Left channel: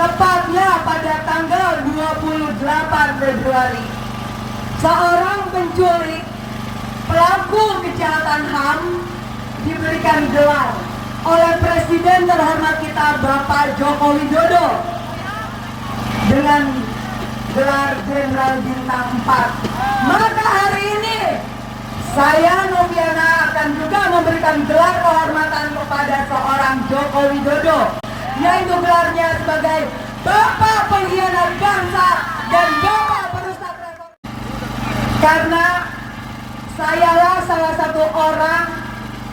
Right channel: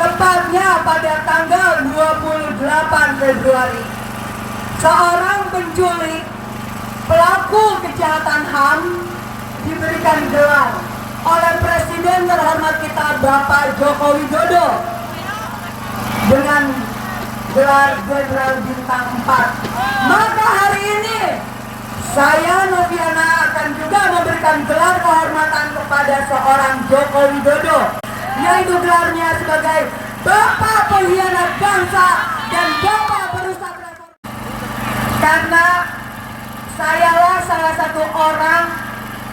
Tepatnya pada tanggal 28 Februari, seorang penculik pelaku kejahatan HAM diberikan gelar oleh Presiden terhormat kita Bapak Joko Widodo dengan gelar Jenderal Bintang 4. Maka hari ini saya Noviana akan juga memberikan gelar kehormatan kepada seorang Joko Widodo, yaitu gelarnya sebagai Bapak Pengkhianat Bangsa dan Bapak Perusak Reformasi. Karena sayalah salah satu orang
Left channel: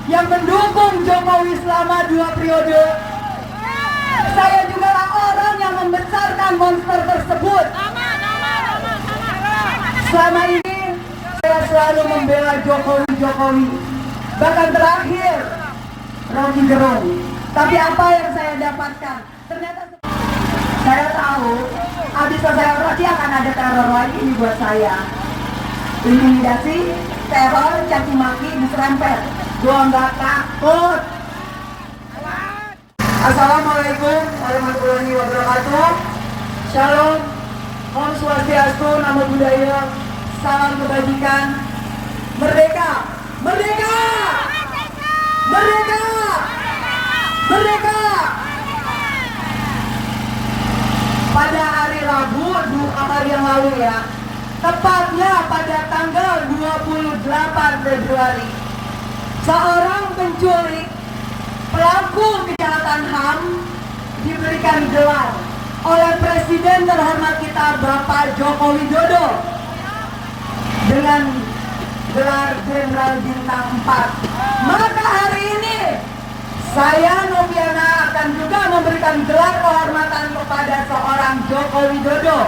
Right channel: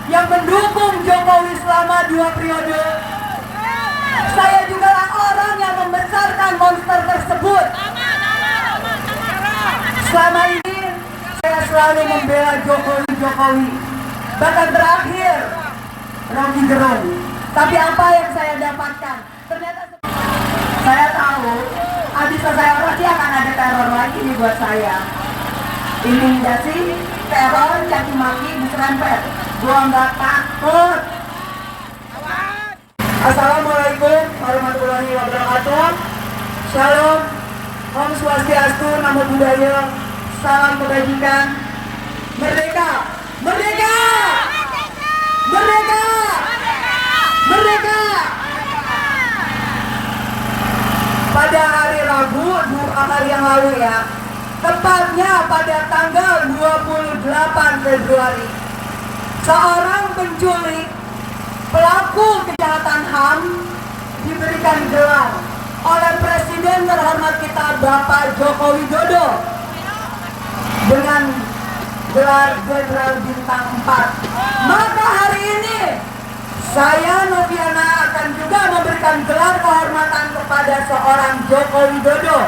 yang mendukung Jokowi selama 2 periode. Saya juga lah orang yang membesarkan monster tersebut. Selama ini saya selalu membela Jokowi. Bahkan terakhir Rocky Gerung. Tapi apa yang saya dapatkan? Ternyata saya tahu habis selesai orasi akan ada teror lagi buat saya. Intimidasi, teror, caci maki, diserempet. Gua nggak takut. Assalamualaikum warahmatullahi wabarakatuh. Shalom, Om Swastiastu, Namo Buddhaya, salam kebajikan. Merdeka, merdeka, merdeka, merdeka. Pada hari Rabu 2 hari yang lalu ya, tepatnya pada tanggal 28 Februari, seorang penculik pelaku kejahatan HAM diberikan gelar oleh Presiden terhormat kita Bapak Joko Widodo dengan gelar Jenderal Bintang 4. Maka hari ini saya Noviana akan juga memberikan gelar kehormatan kepada seorang Joko Widodo,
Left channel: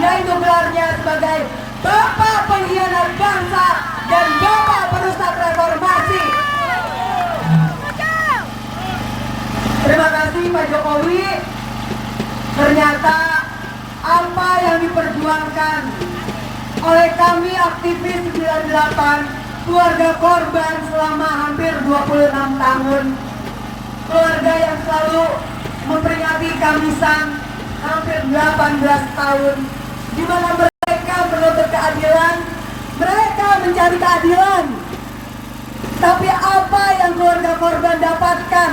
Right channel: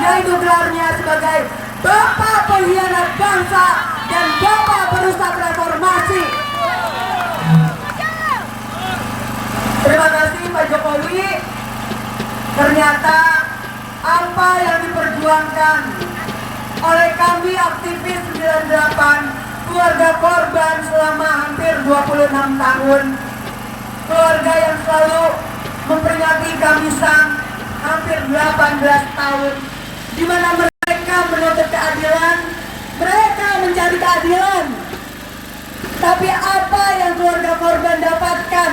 yaitu gelarnya sebagai Bapak Pengkhianat Bangsa dan Bapak Perusak Reformasi. Terima kasih Pak Jokowi. Ternyata apa yang diperjuangkan oleh kami aktivis 98, keluarga korban selama hampir 26 tahun, keluarga yang selalu memperingati Kamisan hampir 18 tahun, di mana mereka menuntut keadilan, mereka mencari keadilan. Tapi apa yang keluarga korban dapatkan?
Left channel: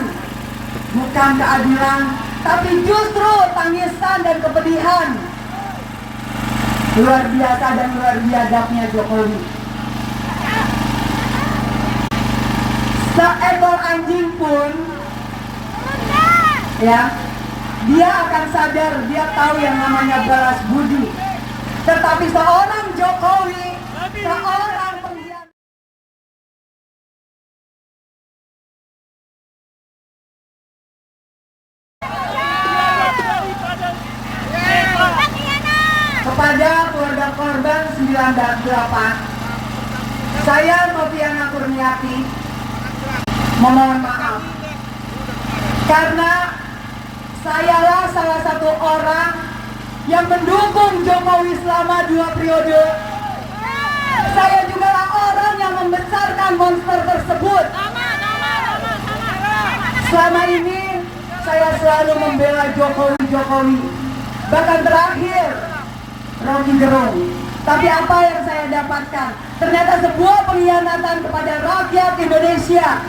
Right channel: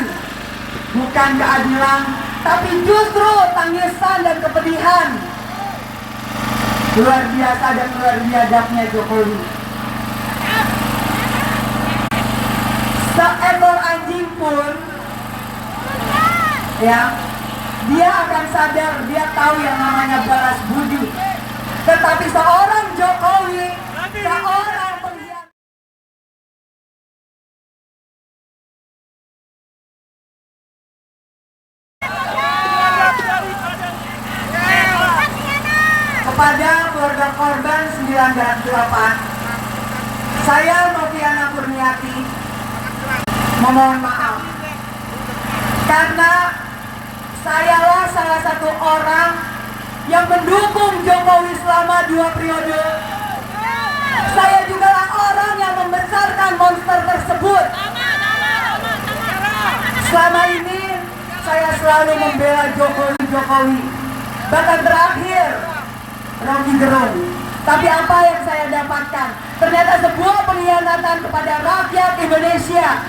Bukan keadilan, tapi justru tangisan dan kepedihan. Luar biasa dan luar biadabnya Jokowi. Seekor anjing pun, ya, dia akan sadar, dia tahu yang namanya balas budi. Tetapi seorang Jokowi, seorang pengkhianat. Kepada keluarga korban 98, saya Noviana Kurniati memohon maaf karena sayalah salah satu orang yang mendukung Jokowi selama 2 periode. Saya juga lah orang yang membesarkan monster tersebut. Selama ini saya selalu membela Jokowi. Bahkan terakhir Rocky Gerung. Tapi apa yang saya dapatkan? Ternyata sebuah pengkhianatan kepada rakyat Indonesia.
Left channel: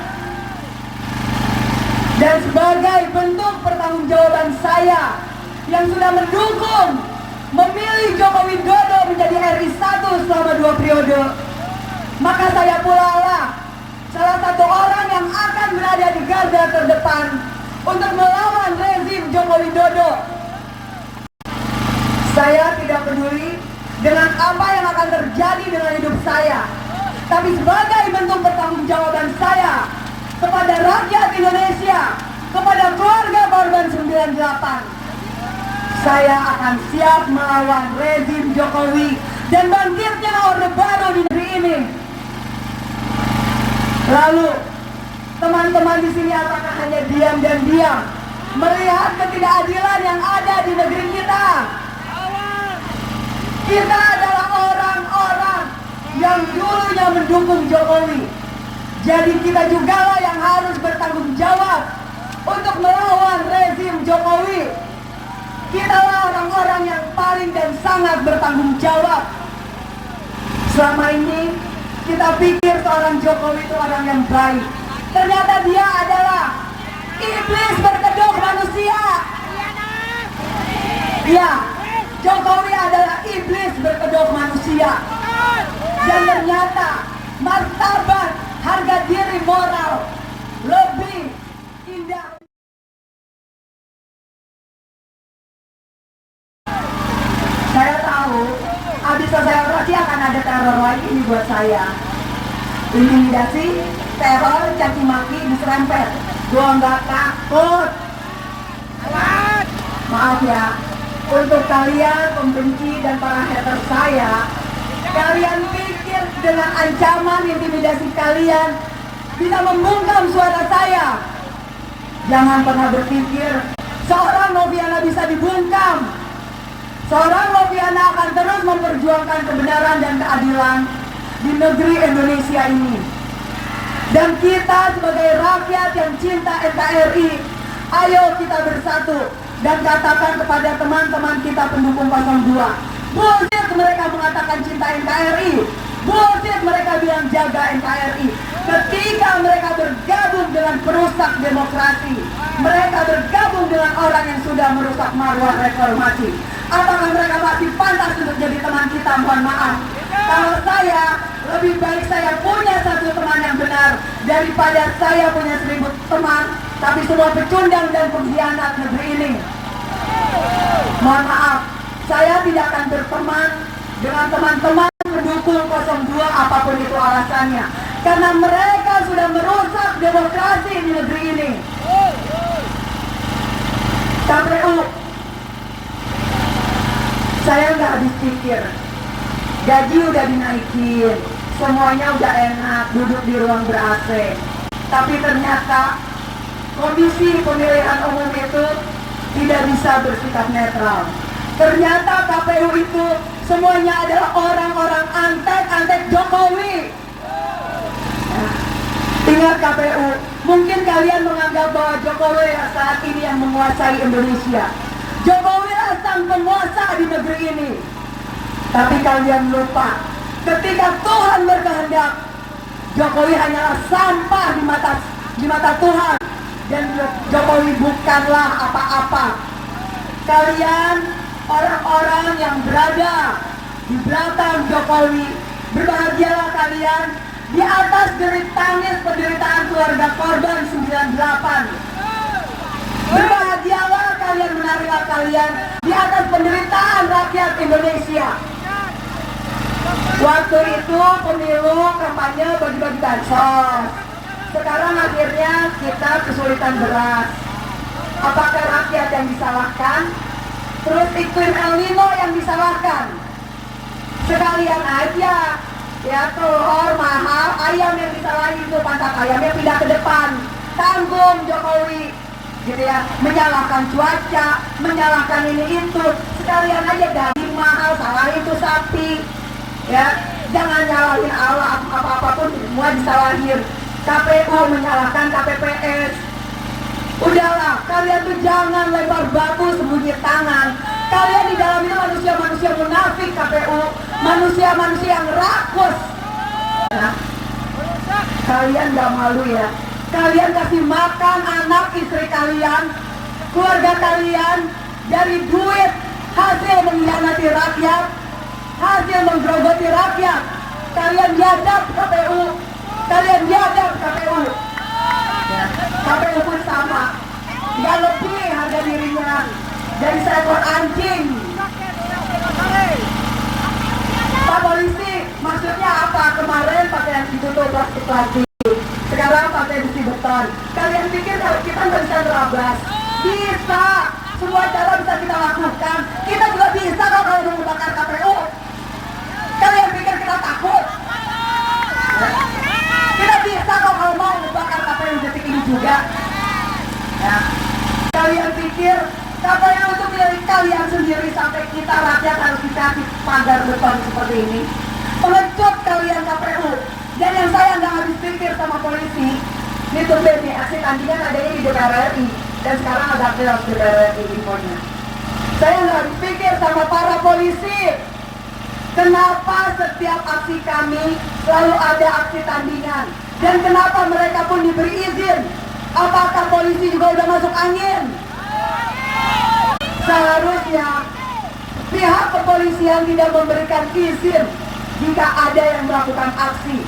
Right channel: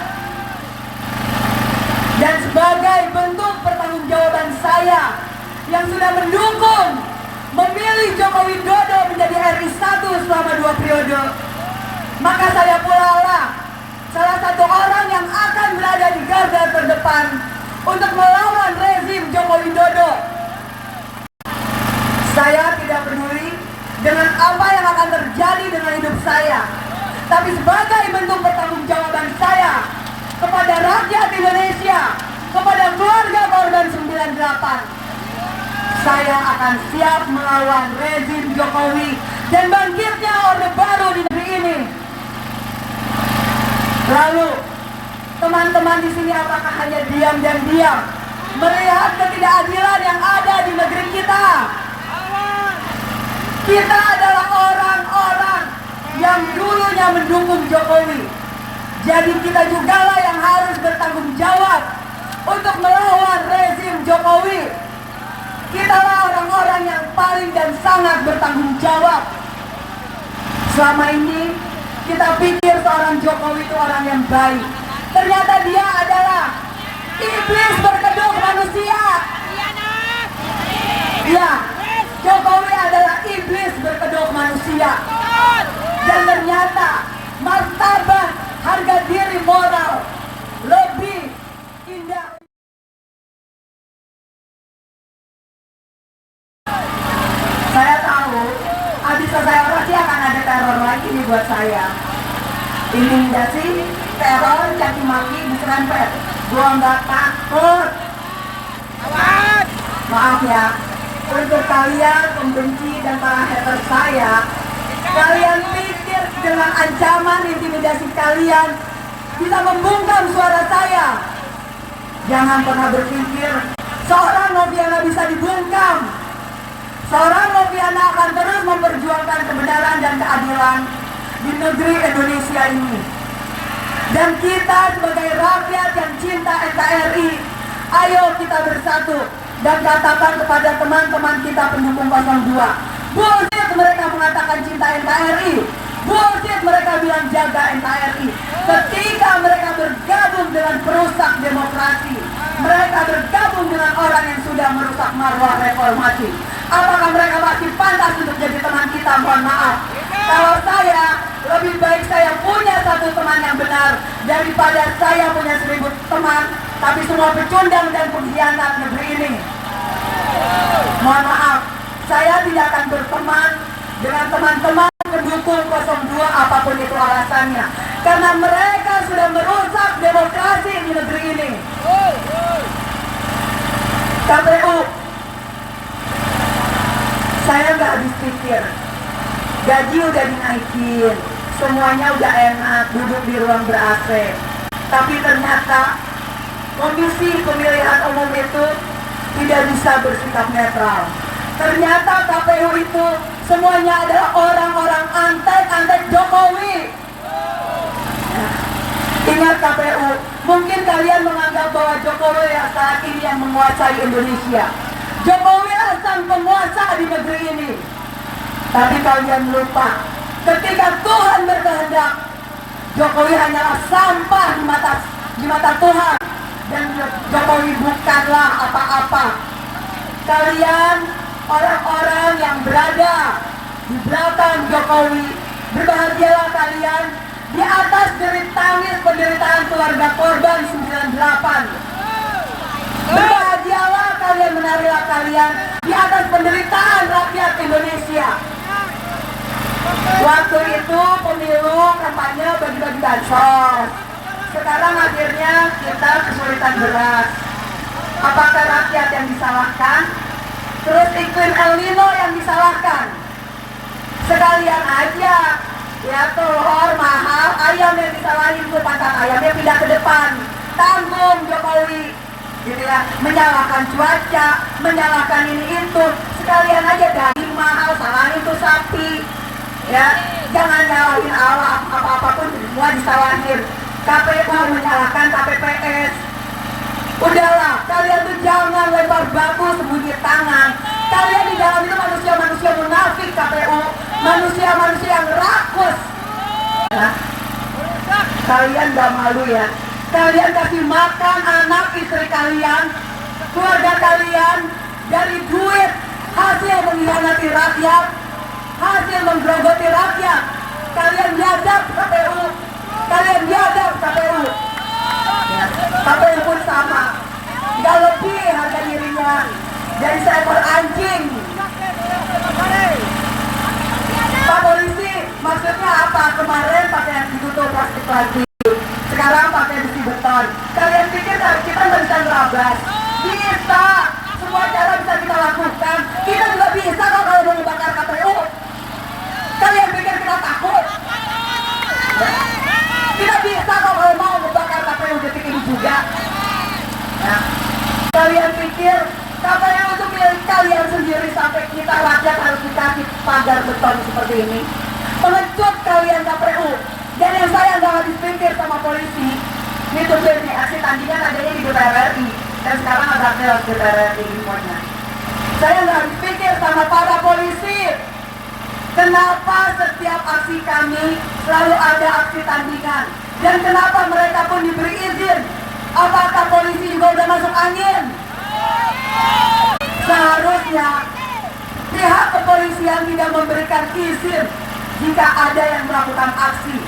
Dan sebagai bentuk pertanggungjawaban saya yang sudah mendukung memilih Joko Widodo menjadi RI 1 selama 2 periode, maka saya pula lah salah satu orang yang akan berada di garda terdepan untuk melawan rezim Joko Widodo. Saya tidak peduli dengan apa yang akan terjadi dengan hidup saya, tapi sebagai bentuk pertanggungjawaban saya kepada rakyat Indonesia, kepada keluarga korban 98, saya akan siap melawan rezim Jokowi dan bangkitnya Orde Baru di negeri ini. Lalu, teman-teman di sini apakah hanya diam dan diam melihat ketidakadilan yang ada di negeri kita? Kita adalah orang-orang yang dulunya mendukung Jokowi. Jadi kita jugalah yang harus bertanggung jawab untuk melawan rezim Jokowi. orang yang paling dan sangat bertanggung jawab. Selama ini kita pikir seorang Jokowi itu orang yang baik. Ternyata dia adalah iblis berkedok manusia. Iya, Jokowi adalah iblis berkedok manusia. Dan ternyata martabat, harga diri moral lebih indah. Saya tahu habis selesai orasi akan ada teror lagi buat saya. Intimidasi, teror, caci maki, diserempet. Gua nggak takut. Maaf ya, untuk kalian pembenci dan para hater saya, kalian pikir dengan ancaman intimidasi kalian bisa membungkam suara saya? Jangan pernah berpikir seorang Noviana bisa dibungkam. Seorang Noviana akan terus memperjuangkan kebenaran dan keadilan di negeri Indonesia ini. Dan kita sebagai rakyat yang cinta NKRI, ayo kita bersatu dan katakan kepada teman-teman kita pendukung 02. Bullshit mereka mengatakan cinta NKRI. Bullshit mereka bilang jaga NKRI. Ketika mereka bergabung dengan perusak demokrasi, mereka bergabung dengan orang yang sudah merusak marwah reformasi. Apakah mereka masih pantas untuk jadi teman kita? Mohon maaf. Kalau saya, lebih baik saya punya satu teman yang benar daripada saya punya 1000 teman tapi semua pecundang dan pengkhianat negeri ini. Mohon maaf, saya tidak akan berteman dengan teman-teman pendukung 02 apapun itu alasannya, karena mereka sudah merusak demokrasi di negeri ini. KPU, saya nggak habis pikir. Gaji udah dinaikin, semuanya udah enak, duduk di ruang ber-AC. Tapi ternyata Komisi Pemilihan Umum itu tidak bisa bersikap netral. Ternyata KPU itu semuanya adalah orang-orang antek Jokowi. Ingat KPU, mungkin kalian menganggap bahwa Jokowi yang saat ini yang menguasai Indonesia. Jokowi lah sang penguasa di negeri ini. Tapi kalian lupa, ketika Tuhan berkehendak, Jokowi hanyalah sampah di mata Tuhan. Dan Jokowi bukanlah apa-apa. Kalian orang-orang yang berada di belakang Jokowi, berbahagialah kalian di atas derit tangis penderitaan keluarga korban 98. Berbahagialah kalian, menarilah kalian di atas penderitaan rakyat Indonesia. Waktu itu pemilu kampanye bagi-bagi bansos. Sekarang akhirnya kita kesulitan beras. Apakah rakyat yang disalahkan? Terus iklim El Nino yang disalahkan? Sekalian aja, ya telur mahal, ayam yang disalahin tuh, pantat ayamnya pindah ke depan. Tanggung Jokowi, gitu ya, menyalahkan cuaca, menyalahkan ini itu. Sekalian aja daging mahal, salahin tuh sapi. Ya, jangan nyalahin Allah, apa-apapun semua disalahin. KPU menyalahkan KPPS. Udahlah, kalian tuh jangan lempar batu sembunyi tangan. Kalian di dalam itu manusia-manusia munafik KPU, manusia-manusia yang rakus. Nah, kalian gak malu ya? Kalian kasih makan anak istri kalian, keluarga kalian dari duit hasil mengkhianati rakyat, hasil menggerogoti rakyat. Kalian biadab KPU, kalian biadab KPU. KPU pun sama, nggak lebih harga dirinya dari seekor anjing. Pak polisi, maksudnya apa? Kemarin pakai ditutup plastik lagi, sekarang pakai besi beton. Kalian pikir kita nggak bisa nerabas? Bisa, semua cara bisa kita lakukan. Kita juga bisa kok kalau mau membakar KPU. Kalian pikir kita takut? Kita bisa kok kalau mau membakar KPU detik ini juga. Nah, kalian pikir KPU itu milik kalian sendiri sampai kita rakyat harus dikasih pagar beton seperti ini? Pengecut kalian KPU. Dan yang saya nggak habis pikir sama polisi, ini tumben nih, aksi tandingan adanya di DPR RI. Dan sekarang ada chaos DPR RI infonya. Saya nggak habis pikir bersama para polisi. Kenapa setiap aksi kami selalu ada aksi tandingan? Dan kenapa mereka pun diberi izin? Apakah polisi juga udah masuk angin? Seharusnya pihak kepolisian tidak memberikan izin jika ada yang melakukan aksi.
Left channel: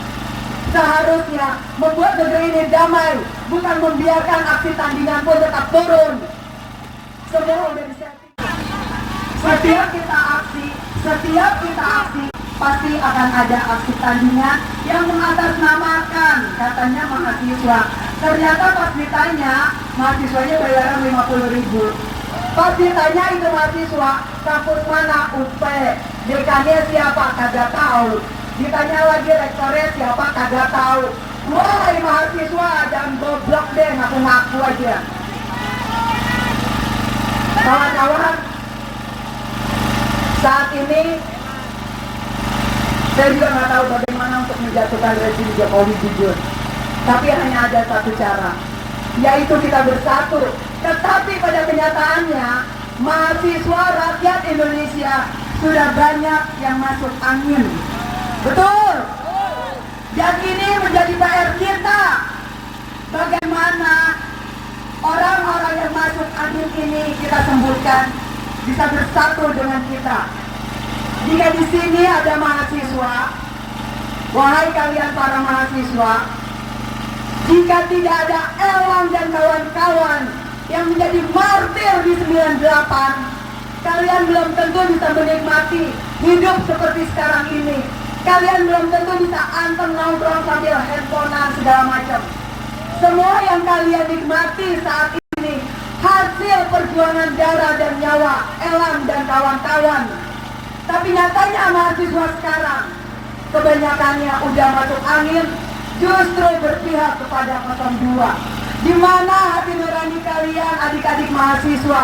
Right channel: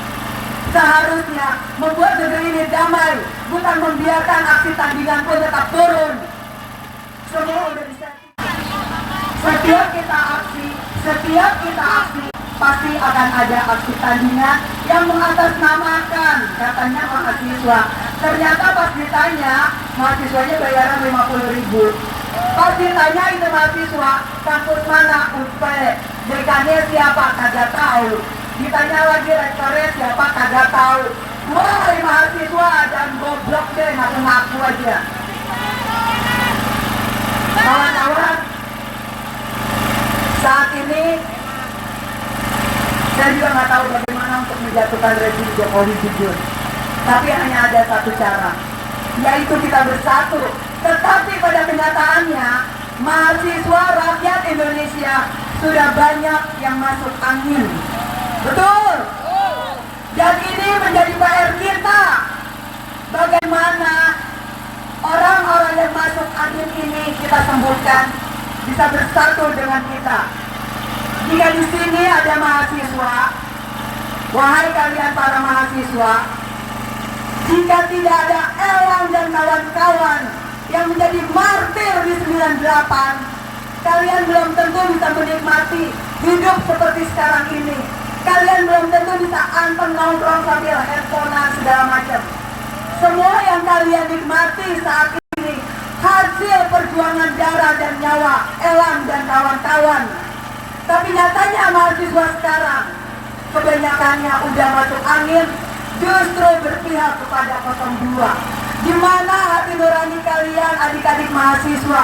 Seharusnya membuat negeri ini damai, bukan membiarkan aksi tandingan pun tetap turun. Semua udah disetting. Setiap kita aksi, pasti akan ada aksi tandingan yang mengatasnamakan katanya mahasiswa. Ternyata pas ditanya, mahasiswanya bayaran 50.000. Pas ditanya itu mahasiswa, kampus mana? UP. Dekannya siapa? Kagak tahu. Ditanya lagi rektornya siapa? Kagak tahu. Woi mahasiswa, jangan goblok deh, ngaku-ngaku aja. Kawan-kawan, saat ini saya juga nggak tahu bagaimana untuk menjatuhkan rezim Jokowi jujur. Tapi hanya ada satu cara, yaitu kita bersatu. Tetapi pada kenyataannya, mahasiswa rakyat Indonesia sudah banyak yang masuk angin. Betul? Dan ini menjadi PR kita. Bagaimana orang-orang yang masuk angin ini kita sembuhkan, bisa bersatu dengan kita. Jika di sini ada mahasiswa, wahai kalian para mahasiswa, jika tidak ada Elang dan kawan-kawan yang menjadi martir di 98, kalian belum tentu bisa menikmati hidup seperti sekarang ini. Kalian belum tentu bisa anteng nongkrong sambil handphonean segala macam. Semua yang kalian nikmati saat ini hasil perjuangan darah dan nyawa Elang dan kawan-kawan. Tapi nyatanya mahasiswa sekarang kebanyakannya udah masuk angin, justru berpihak kepada 02. Di mana hati nurani kalian adik-adik mahasiswa?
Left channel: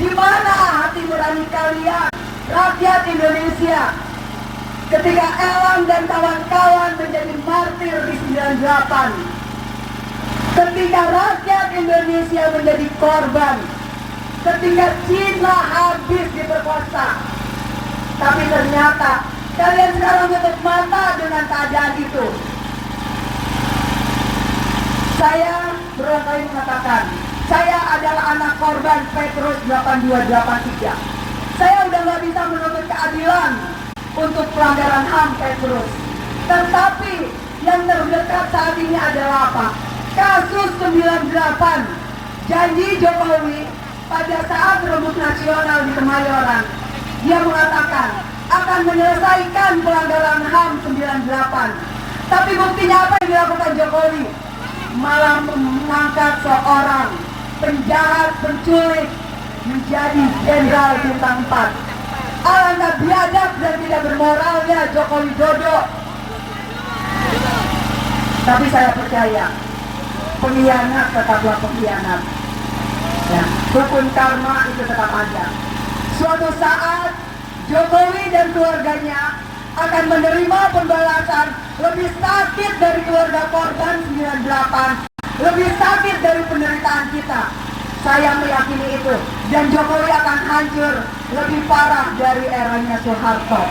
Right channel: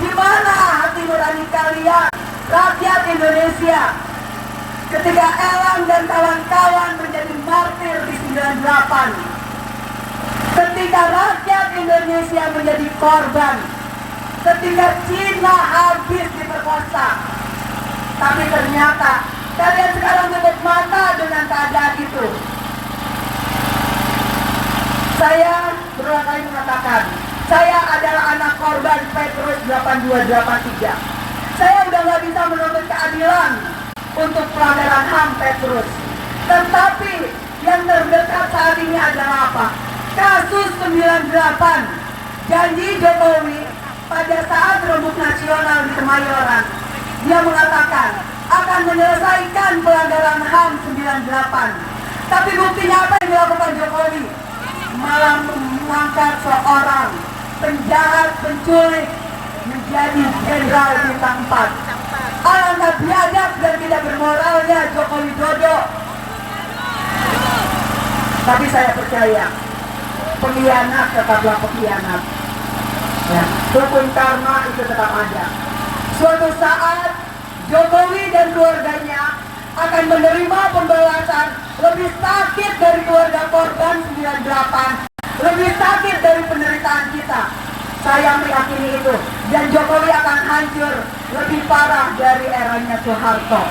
Di mana hati nurani kalian rakyat Indonesia? Ketika Elang dan kawan-kawan menjadi martir di 98. Ketika rakyat Indonesia menjadi korban. Ketika Cina habis diperkosa. Tapi ternyata kalian sekarang tutup mata dengan keadaan itu. Saya berulang kali mengatakan, saya adalah anak korban Petrus 8283. Saya udah gak bisa menuntut keadilan untuk pelanggaran HAM Petrus. Tetapi yang terdekat saat ini adalah apa? Kasus 98. Janji Jokowi pada saat rembuk nasional di Kemayoran, dia mengatakan akan menyelesaikan pelanggaran HAM 98. Tapi buktinya apa yang dilakukan Jokowi? Malah mengangkat seorang penjahat, penculik menjadi jenderal bintang 4. Alangkah biadab dan tidak bermoralnya Joko Widodo. Tapi saya percaya, pengkhianat tetaplah pengkhianat. Hukum karma itu tetap ada. Suatu saat Jokowi dan keluarganya akan menerima pembalasan lebih sakit dari keluarga korban 98, lebih sakit dari penderitaan kita. Saya meyakini itu. Dan Jokowi akan hancur lebih parah dari eranya Soeharto.